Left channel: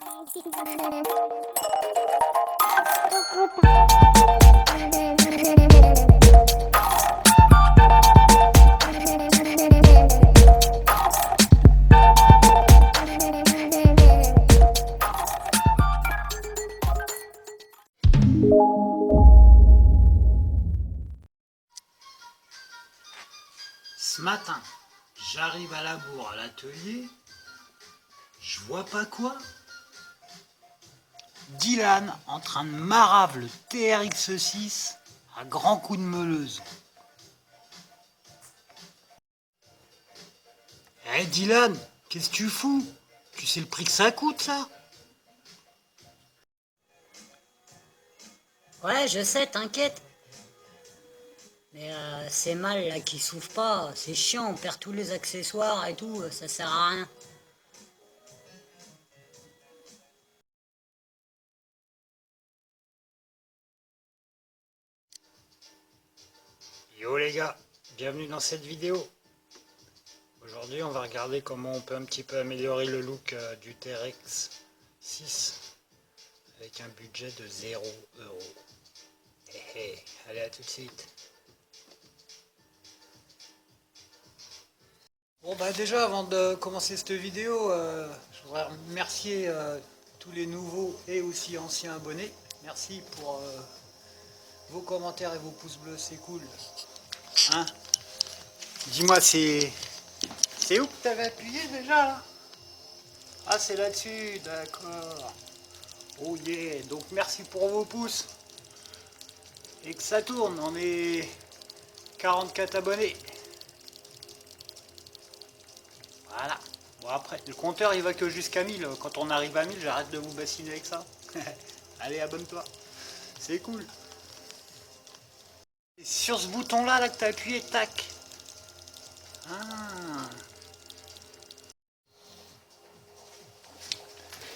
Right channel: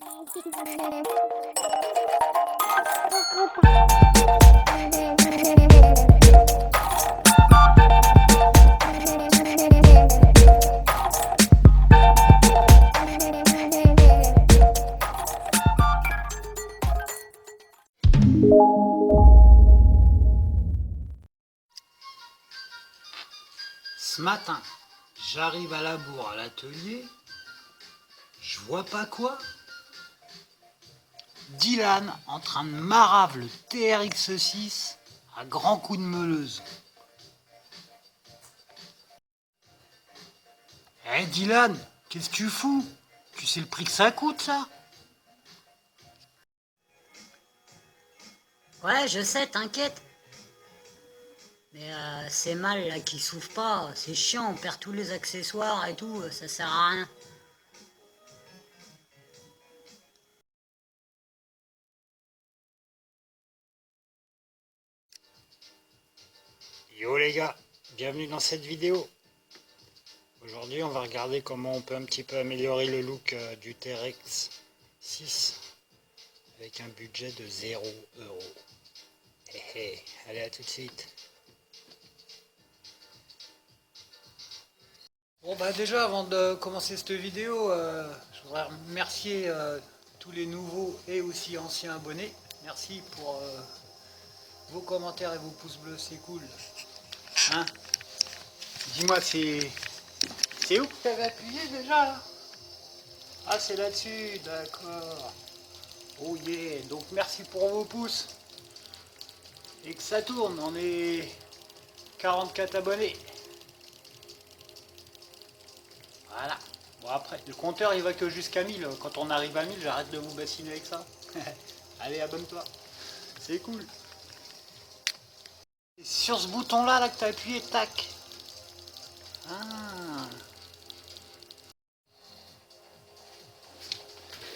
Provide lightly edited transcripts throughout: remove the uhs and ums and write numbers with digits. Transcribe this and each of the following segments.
Ce matin, j'arrive à la bourre à l'atelier, je vois pas quoi. Dylan en train de marave le TRX6 à grands coups de meuleuse. Eh Dylan, qu'est-ce que tu fous? Tu sais le prix que ça coûte ça? Ouais, je sais, t'inquiète. Mais c'est mal là qui s'ouvre pas, c'est chiant, on perd tous les accessoires et tout, ça sert à rien. Yo les gars, bienvenue dans cette vidéo. Aujourd'hui on va regarder comment on peut un petit peu améliorer le look du TRX 6 avec un budget de 0 €. Allez, à tout de suite. Bon bah déjà avant de commencer cette vidéo, je voudrais remercier tous les nouveaux et aussi anciens abonnés. Merci pour vos commentaires et vos pouces bleus, c'est cool. Hein? Dis-moi, c'est où que tu avais appuyé déjà là? Ah, c'est là-dessus, d'accord. Oh yeah, donc merci pour vos pouces. Et que ça tourne, on est 44 abonnés. Voilà. Bon après, le compteur il va que jusqu'à 1000. Quand on arrive à 1000, j'arrête de vous bassiner avec ça. Allez, abonne-toi. C'est cool. Et sur ce bouton là, que tu as appuyé, tac. Ah.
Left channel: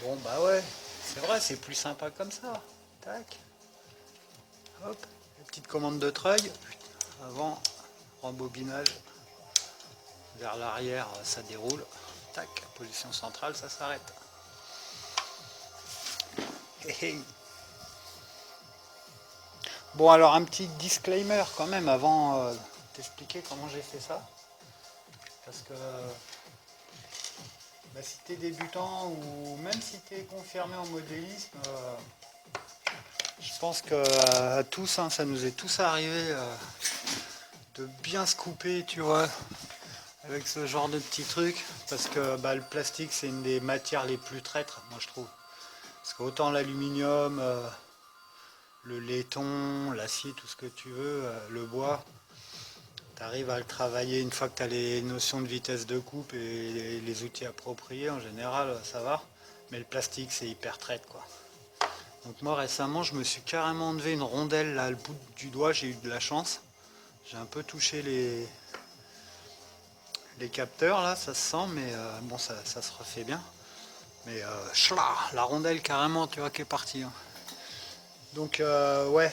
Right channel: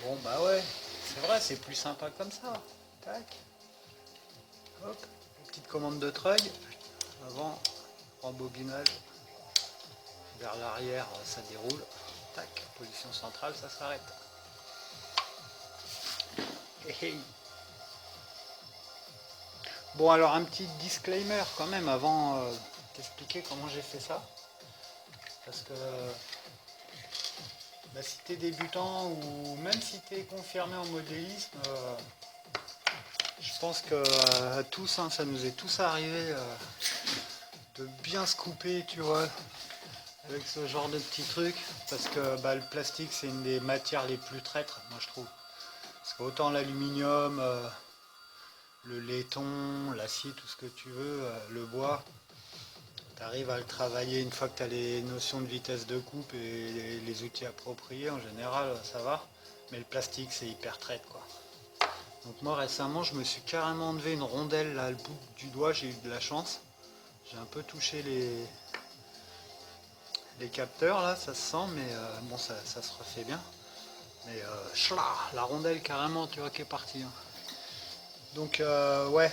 Bon bah ouais, c'est vrai, c'est plus sympa comme ça. Tac. Hop, petite commande de treuil. Avant, rembobinage. Vers l'arrière, ça déroule. Tac, position centrale, ça s'arrête. Bon alors un petit disclaimer quand même avant d'expliquer comment j'ai fait ça. Parce que bah, si tu es débutant ou même si tu es confirmé en modélisme, je pense que à tous, hein, ça nous est tous arrivé de bien se couper, tu vois, avec ce genre de petits trucs. Parce que bah, le plastique c'est une des matières les plus traîtres, moi je trouve. Parce qu'autant l'aluminium, le laiton, l'acier, tout ce que tu veux, le bois, tu arrives à le travailler une fois que tu as les notions de vitesse de coupe et les outils appropriés, en général ça va. Mais le plastique c'est hyper traite quoi. Donc moi récemment je me suis carrément enlevé une rondelle là, le bout du doigt, j'ai eu de la chance. J'ai un peu touché les capteurs là, ça se sent, mais bon ça se refait bien. Mais la rondelle carrément tu vois qui est partie. Hein. Donc ouais,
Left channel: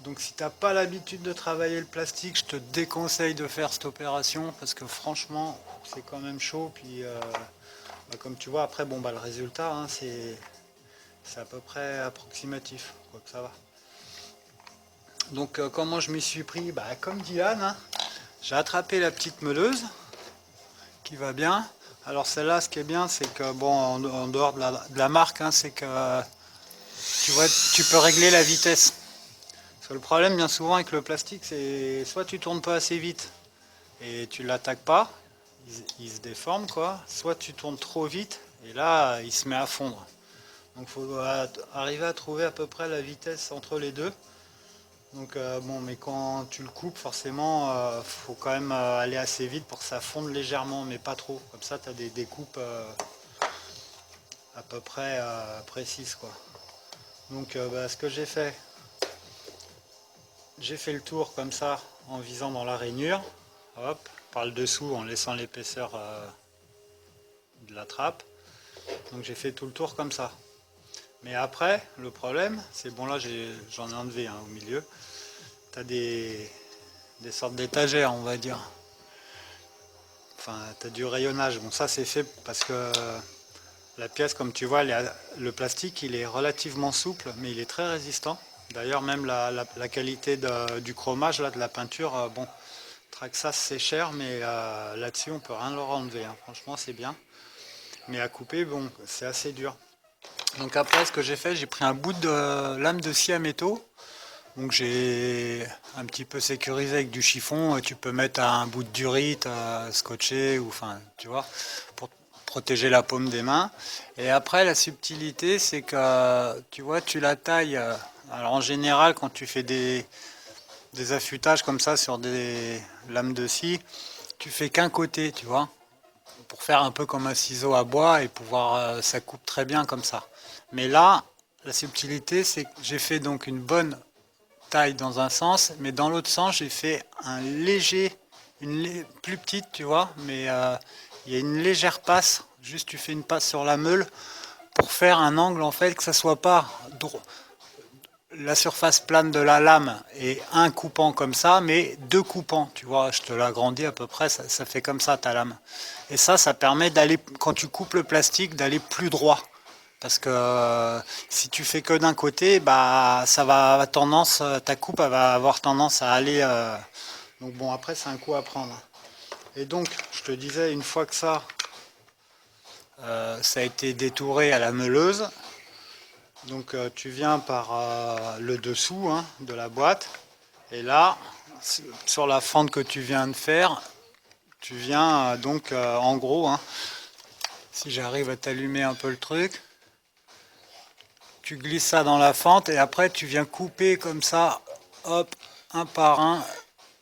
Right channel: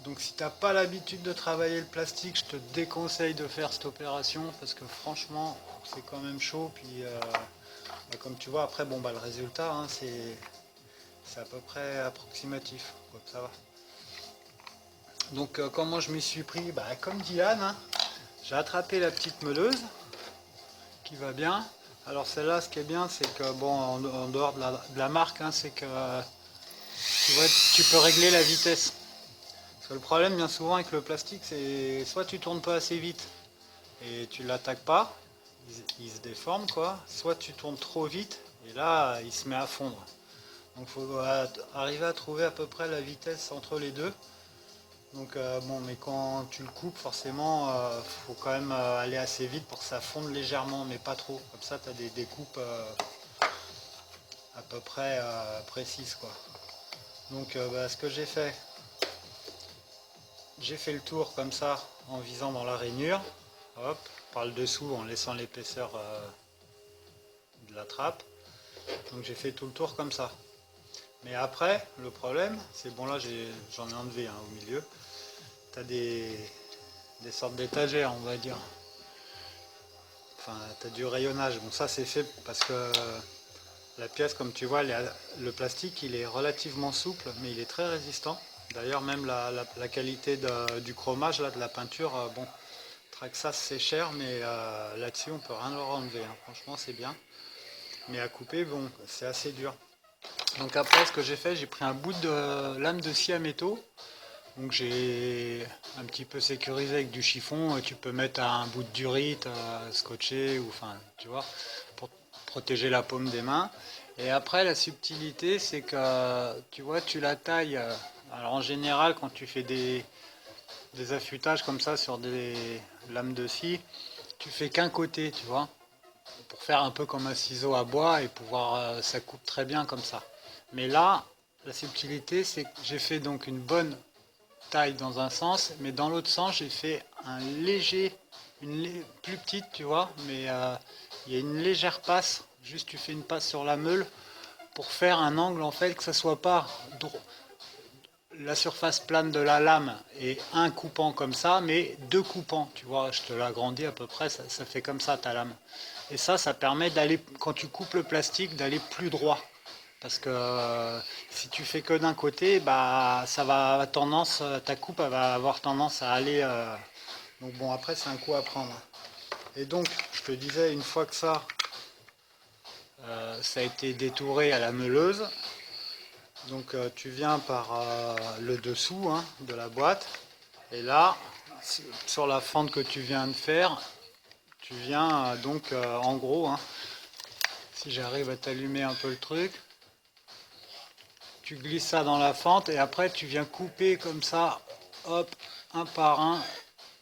donc si t'as pas l'habitude de travailler le plastique, je te déconseille de faire cette opération parce que franchement c'est quand même chaud. Puis bah, comme tu vois après bon bah le résultat hein, c'est à peu près approximatif, donc ça va. Donc comment je m'y suis pris? Bah comme dit Anne, hein, j'ai attrapé la petite meuleuse qui va bien. Alors celle-là ce qui est bien c'est que bon en dehors de la marque hein, c'est que tu vois tu peux régler la vitesse. Parce que le problème bien souvent avec le plastique c'est soit tu tournes pas assez vite et tu l'attaques pas, il se déforme quoi, soit tu tournes trop vite et là il se met à fondre. Donc il faut arriver à trouver à peu près la vitesse entre les deux. Donc bon mais quand tu le coupes forcément faut quand même aller assez vite pour que ça fonde légèrement mais pas trop. Comme ça tu as des découpes à peu près précises quoi. Donc bah, ce que j'ai fait le tour comme ça en visant dans la rainure. Hop, par le dessous en laissant l'épaisseur de la trappe. Donc j'ai fait tout le tour comme ça. Mais après, le problème, c'est bon là j'en ai enlevé hein, au milieu. Tu as des sortes d'étagères, on va dire. Enfin, tu as du rayonnage. Bon ça c'est fait parce que La pièce, comme tu vois, le plastique, il est relativement souple, mais il est très résistant. D'ailleurs, même la qualité du chromage, là, de la peinture, bon, Traxxas c'est cher, mais là-dessus, on peut rien leur enlever, hein. Franchement, c'est bien. Mais à couper, bon, c'est assez dur. Donc après, ce que j'ai fait, j'ai pris un bout de lame de scie à métaux. Donc j'ai un petit peu sécurisé avec du chiffon. Tu peux mettre un bout de durite scotché, ou enfin, tu vois, pour protéger la paume des mains. Et après, la subtilité, c'est que, tu vois, tu la tailles. Alors en général, quand tu fais des affûtages comme ça sur des lames de scie, tu fais qu'un côté, tu vois, pour faire un peu comme un ciseau à bois et pouvoir, ça coupe très bien comme ça. Mais là, la subtilité, c'est que j'ai fait donc une bonne taille dans un sens, mais dans l'autre sens, j'ai fait un léger, plus petite, tu vois, mais il y a une légère passe. Juste, tu fais une passe sur la meule pour faire un angle en fait que ça soit pas la surface plane de la lame et un coupant comme ça, mais deux coupants. Tu vois, je te l'agrandis à peu près, ça fait comme ça ta lame. Et ça permet d'aller, quand tu coupes le plastique, d'aller plus droit. Parce que si tu fais que d'un côté, bah ça va avoir tendance, ta coupe elle va avoir tendance à aller. Donc bon, après c'est un coup à prendre. Et donc, je te disais, une fois que ça a été détouré à la meuleuse, donc tu viens par le dessous, hein, de la boîte, et là, sur la fente que tu viens de faire, tu viens donc en gros, hein, si j'arrive à t'allumer un peu le truc, tu glisses ça dans la fente et après tu viens couper comme ça, hop, un par un,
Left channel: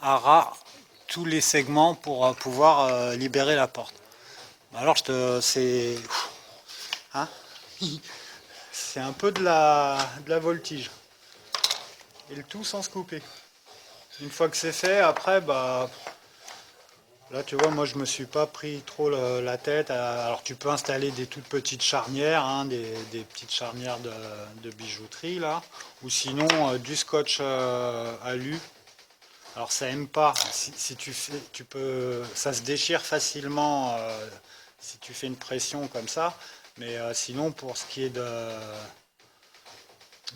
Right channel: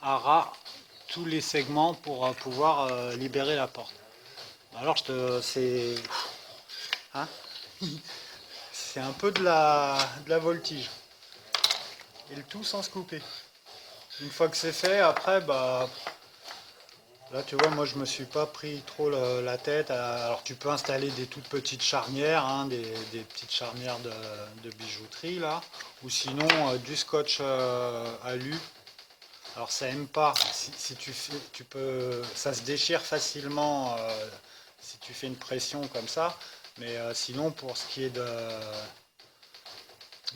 à ras, tous les segments pour pouvoir libérer la porte. Alors hein, c'est un peu de la voltige. Et le tout sans se couper. Une fois que c'est fait, après, bah, là tu vois, moi je me suis pas pris trop la tête. Alors tu peux installer des toutes petites charnières, hein, des petites charnières de bijouterie là, ou sinon du scotch alu. Alors ça aime pas. Si tu fais, tu peux, ça se déchire facilement si tu fais une pression comme ça. Mais sinon pour ce qui est de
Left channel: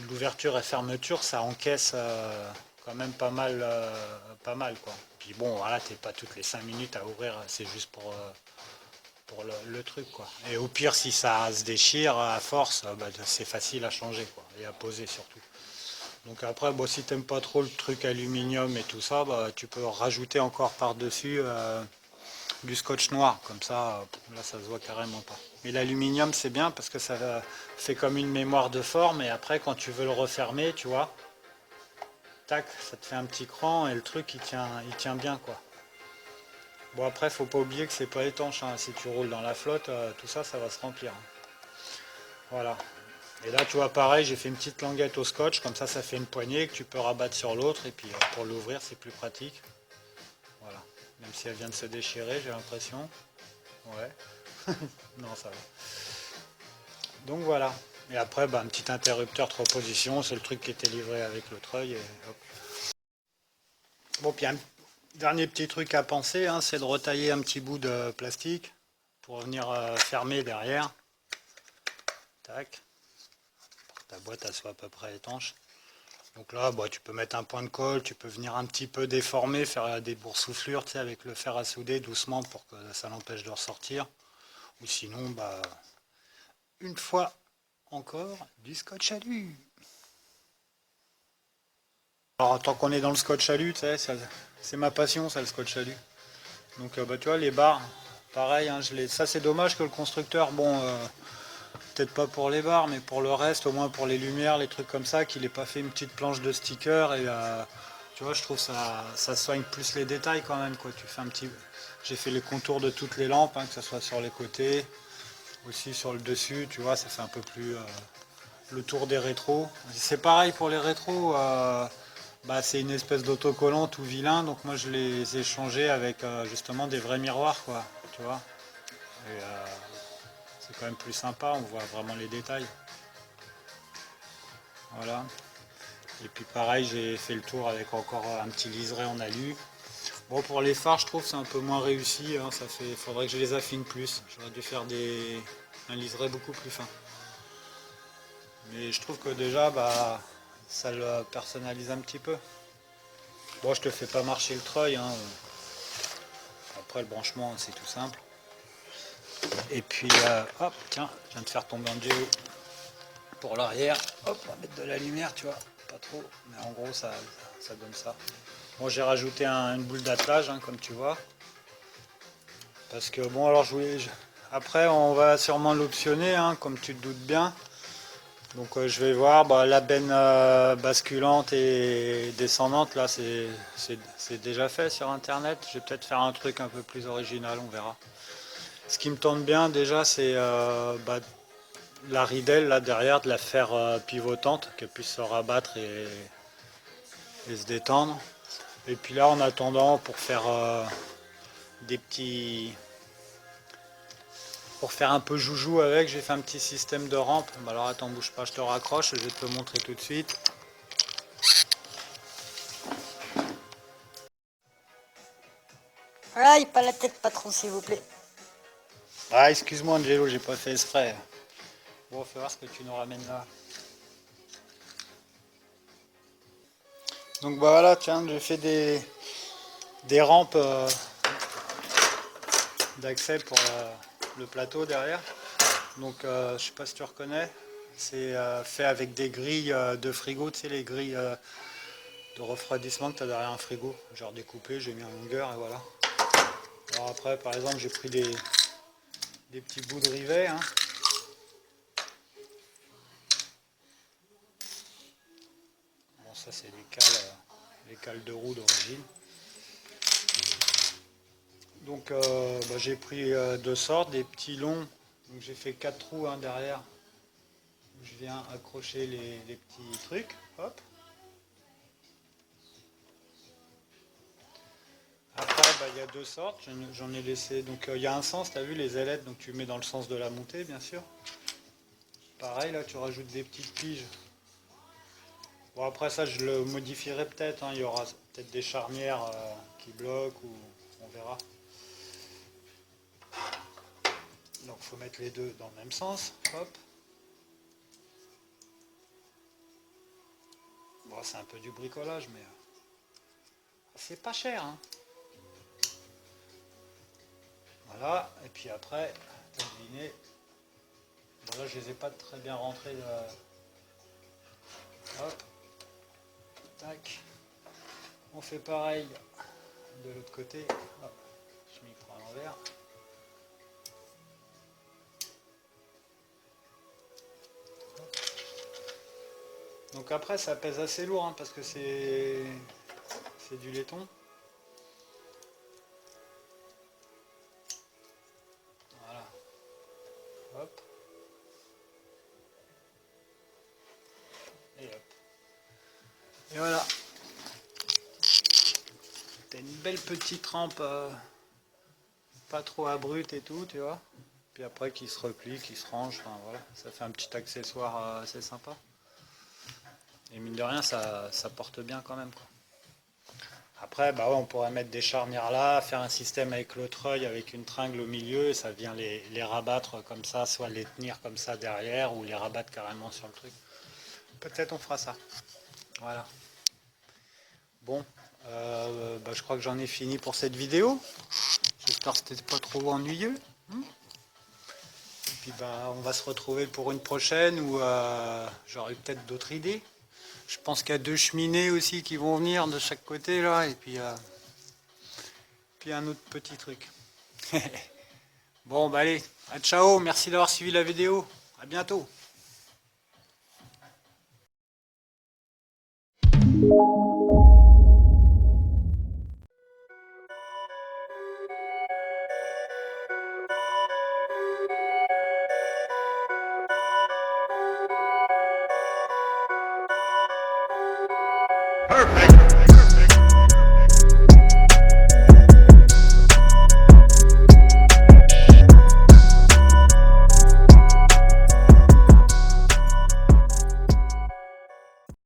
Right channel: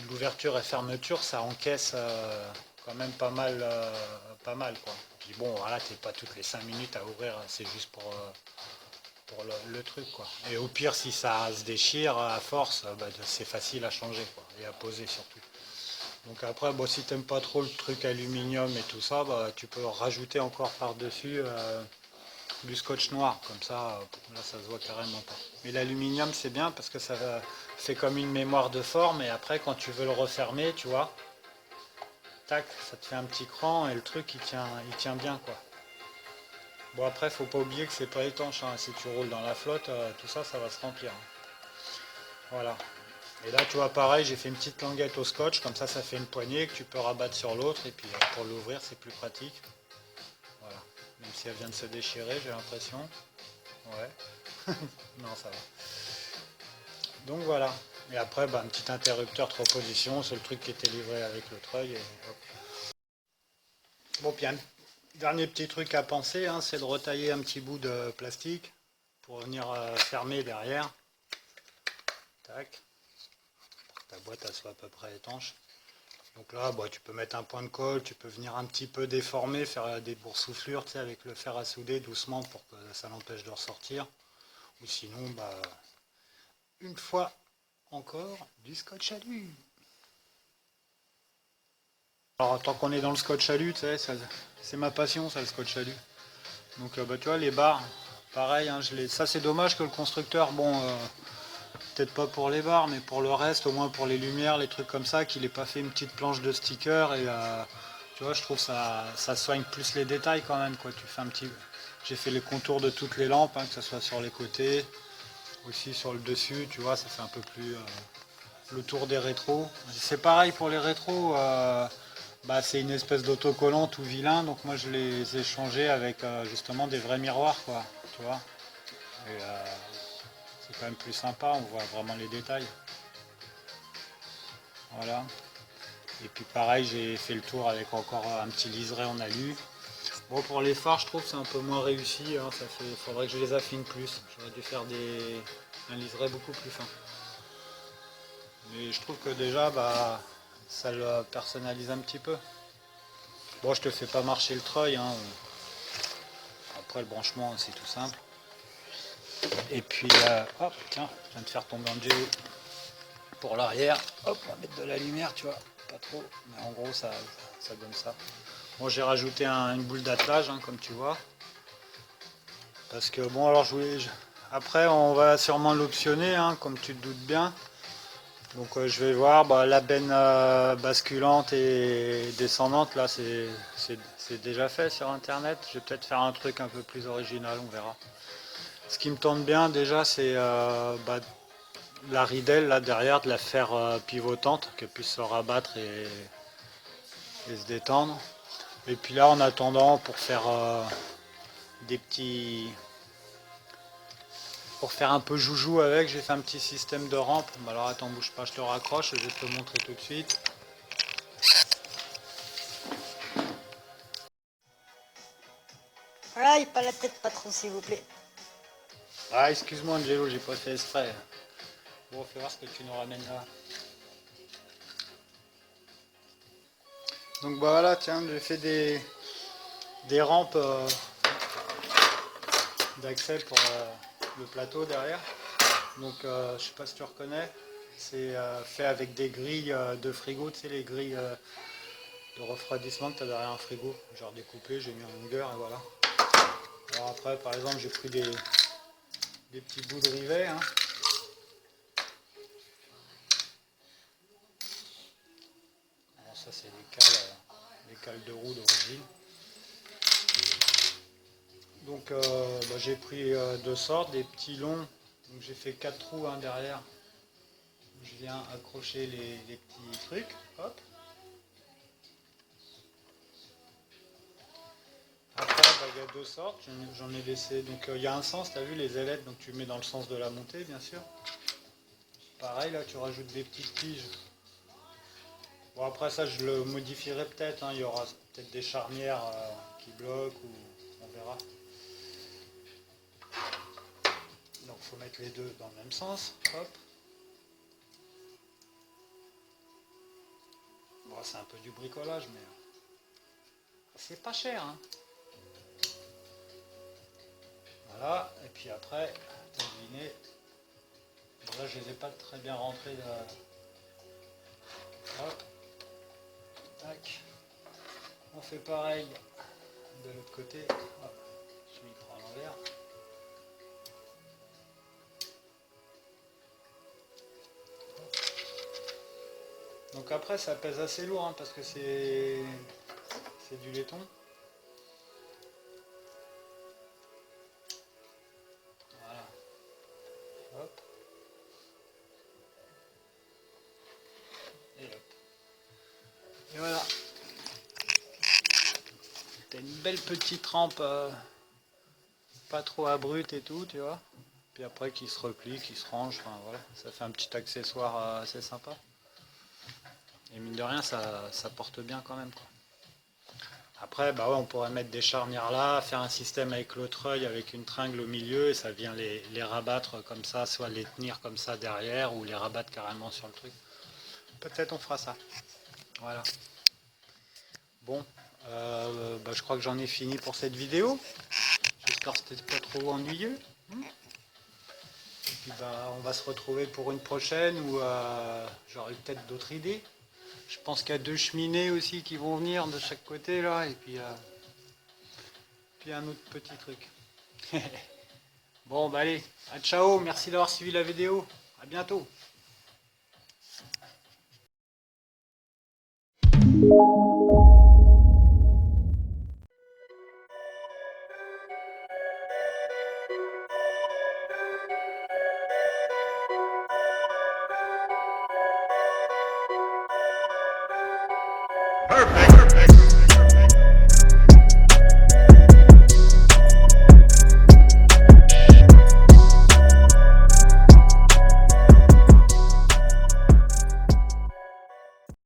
l'ouverture et fermeture, ça encaisse quand même pas mal quoi. Puis bon, voilà, t'es pas toutes les 5 minutes à ouvrir, c'est juste pour le truc quoi. Et au pire, si ça se déchire à force, bah, c'est facile à changer quoi, et à poser surtout. Donc après, bon, si t'aimes pas trop le truc aluminium et tout ça, bah, tu peux rajouter encore par-dessus du scotch noir, comme ça, là ça se voit carrément pas. Mais l'aluminium c'est bien parce que ça fait comme une mémoire de forme et après quand tu veux le refermer, tu vois, tac, ça te fait un petit cran et le truc il tient bien quoi. Bon après faut pas oublier que c'est pas étanche, hein. Si tu roules dans la flotte, tout ça ça va se remplir, hein. Voilà. Et là tu vois pareil, j'ai fait une petite languette au scotch, comme ça fait une poignée que tu peux rabattre sur l'autre et puis pour l'ouvrir c'est plus pratique. Voilà. Même si elle vient de se déchirer, j'ai l'impression. Ouais. Non, ça va. Donc voilà. Et après, bah, un petit interrupteur 3 positions, c'est le truc qui était livré avec l'autre œil. Bon, puis un dernier petit truc à penser, hein, c'est de retailler un petit bout de plastique pour venir fermer derrière. Tac. Pour que ta boîte elle soit à peu près étanche. Donc là, bah, tu peux mettre un point de colle, tu peux venir un petit peu déformer, faire des boursouflures, tu sais, avec le fer à souder doucement pour que ça l'empêche de ressortir. Ou sinon, bah, une fois encore, du scotch alu. Alors, tant qu'on est dans le scotch alu, tu sais, c'est ma passion, ça, le scotch alu. Donc, bah, tu vois, les barres, pareil, hein, ça c'est dommage que le constructeur, bon, peut-être pas pour les barres, mais pour le reste, au moins pour les lumières, les trucs comme ça, qu'il ait pas fait une petite planche de sticker. Et tu vois, je trouve ça soigne plus les détails quand même, quoi. Tu fais un petit. J'ai fait les contours de toutes les lampes, hein, que ce soit sur les côtés, aussi sur le dessus, tu vois, ça fait un peu plus le tour des rétros. C'est pareil pour les rétros. Bah, c'est une espèce d'autocollant tout vilain, donc moi je les ai changés avec justement des vrais miroirs, quoi, tu vois. Et c'est quand même plus sympa, on voit vraiment les détails. Voilà. Et puis pareil, j'ai fait le tour avec encore un petit liseré en alu. Bon, pour les phares, je trouve que c'est un peu moins réussi, hein, faudrait que je les affine plus. J'aurais dû faire un liseré beaucoup plus fin. Mais je trouve que déjà, bah, ça le personnalise un petit peu. Bon, je te fais pas marcher le treuil, hein. Après le branchement c'est tout simple. Et puis, hop, tiens, je viens de faire tomber un géo pour l'arrière. Hop, on va mettre de la lumière, tu vois, pas trop, mais en gros ça donne ça. Bon, j'ai rajouté une boule d'attelage, hein, comme tu vois. Parce que bon, alors après on va sûrement l'optionner, hein, comme tu te doutes bien. Donc je vais voir, bah, la benne basculante et descendante, là c'est déjà fait sur internet. Je vais peut-être faire un truc un peu plus original, on verra. Ce qui me tente bien déjà, c'est bah, la ridelle là derrière, de la faire pivotante, qu'elle puisse se rabattre et se détendre. Et puis là, en attendant, pour faire des petits... Pour faire un peu joujou avec, j'ai fait un petit système de rampe. Alors attends, bouge pas, je te raccroche, je vais te le montrer tout de suite. Aïe, pas la tête, patron, s'il vous plaît. Ah, excuse-moi Angelo, j'ai pas fait exprès. Bon, fais voir ce que tu nous ramènes là. Donc bah voilà, tiens, j'ai fait des rampes d'accès pour le plateau derrière. Donc je sais pas si tu reconnais, c'est fait avec des grilles de frigo, tu sais les grilles de refroidissement que tu as derrière un frigo, genre découpé, j'ai mis en longueur et voilà. Alors après par exemple j'ai pris des petits bouts de rivet, hein. Bon ça c'est les cales de roue d'origine. Donc bah, j'ai pris deux sortes, des petits longs, donc j'ai fait 4 trous, hein, derrière. Je viens accrocher les petits trucs, hop. Après, bah, il y a deux sortes, j'en ai laissé. Donc il y a un sens, tu as vu les ailettes, donc tu mets dans le sens de la montée, bien sûr. Pareil, là tu rajoutes des petites tiges. Bon, après ça, je le modifierai peut-être, hein. Il y aura peut-être des charnières qui bloquent, ou on verra. Donc il faut mettre les deux dans le même sens, hop. Bon, c'est un peu du bricolage, mais c'est pas cher, hein. Voilà, et puis après, t'as deviné. Bon, là je les ai pas très bien rentrés. Hop, tac. On fait pareil de l'autre côté. Hop, je m'y prends à l'envers. Donc après ça pèse assez lourd, hein, parce que c'est du laiton. Voilà. Hop. Et hop. Et voilà. T'as une belle petite rampe, pas trop abrupte et tout, tu vois. Puis après qui se replie, qui se range, enfin voilà. Ça fait un petit accessoire assez sympa. Et mine de rien, ça porte bien quand même, quoi. Après, bah ouais, on pourrait mettre des charnières là, faire un système avec l'autre œil, avec une tringle au milieu, et ça vient les rabattre comme ça, soit les tenir comme ça derrière, ou les rabattre carrément sur le truc. Peut-être on fera ça. Voilà. Bon, bah, je crois que j'en ai fini pour cette vidéo. J'espère que c'était pas trop ennuyeux. Et puis bah, on va se retrouver pour une prochaine où j'aurai peut-être d'autres idées. Je pense qu'il y a deux cheminées aussi qui vont venir de chaque côté là, et puis un autre petit truc. Bon bah allez, à ciao, merci d'avoir suivi la vidéo, à bientôt. Perfect.